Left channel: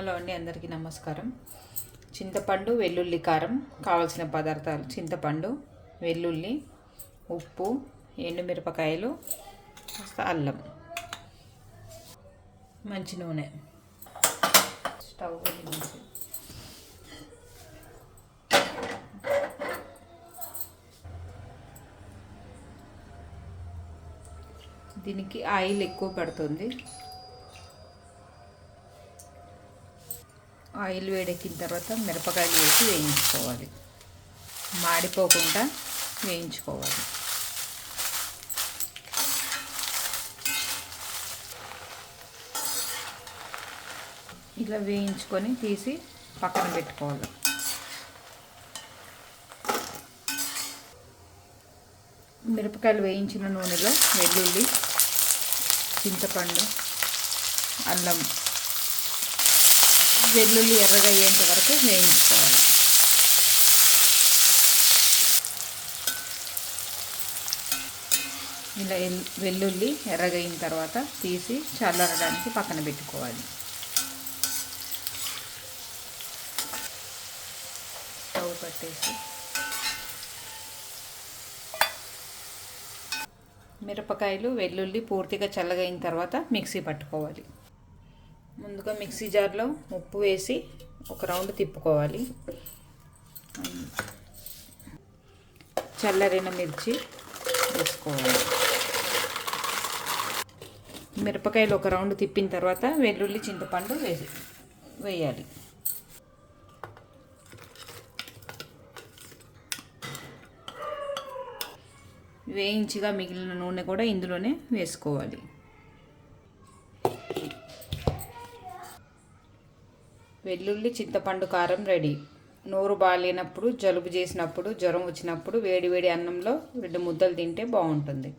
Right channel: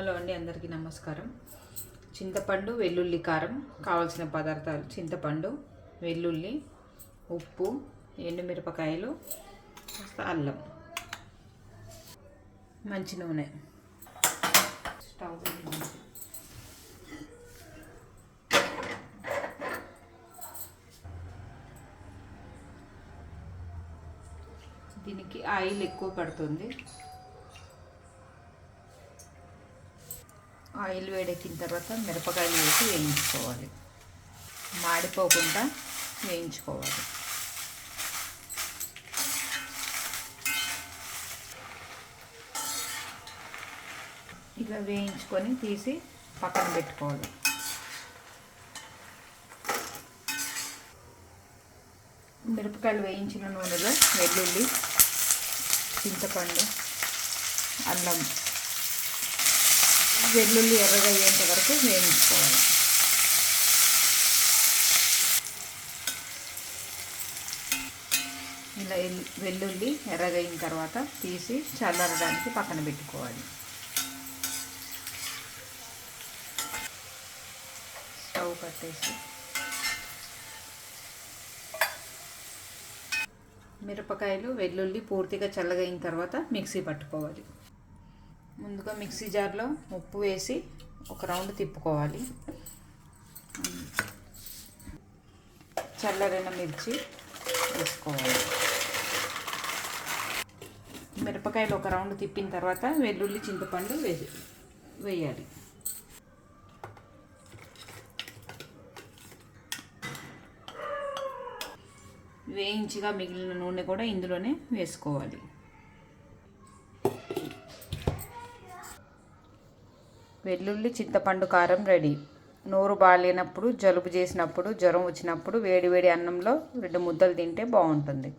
Hello అండి, అందరికీ నమస్కారం. చింతపండు, వెల్లుల్లి కారం. కావాల్సిన పదార్థాలు: చింతపండు, వెల్లుల్లి, ఉప్పు, ఎండుమిరపకాయలు, అల్లం, మంచి నూనె. స్టవ్ వెలిగించి దీనికి ఆయిల్ ఎక్కువ పడుతుంది. ఆయిల్ వేడెక్కిన తర్వాత మిరపకాయలు వేసి వేయించుకోవాలి. మాడిపోకుండా వేయించుకోవాలి. ఇలా వేయించుకొని తీసి పక్కన పెట్టుకోవాలి. మిరపకాయలు వేయించిన నూనెలో వెల్లుల్లి, చింతపండు, అల్లం, వెల్లుల్లి ఎర్రగా అయ్యేంత వరకు వేయించుకోవాలి. ఇలా వెల్లుల్లి ఎర్రగా అయిన తర్వాత తీసి చల్లారడానికి పక్కన పెట్టుకోవాలి. స్టవ్ కట్టేసి మిరపకాయలు, వెల్లుల్లి పూర్తిగా చల్లగా అయిన తర్వాత మిక్సీ పట్టుకోవాలి. ముందుగా మిక్సీ జార్లో ఉప్పు వేసి ఒక రౌండ్ తిప్పుకోవాలి. చల్లారిన మిర్చి వేసుకోవాలి. మిరపకాయలు ఒక రౌండ్ తిప్పిన తర్వాత వెల్లుల్లి, చింతపండు వేయాలి. వేయించిగా మిగిలిన నూనె కూడా ఇందులోనే వేసుకోవాలి. వెల్లుల్లి చింతపండు కారం రెడీ. నోరు బాగాలేనప్పుడు, జలుబు చేసినప్పుడు, జ్వరం వచ్చినప్పుడు వేడి వేడి అన్నంలో 2 ముద్దలు తింటే బాగుంటుంది.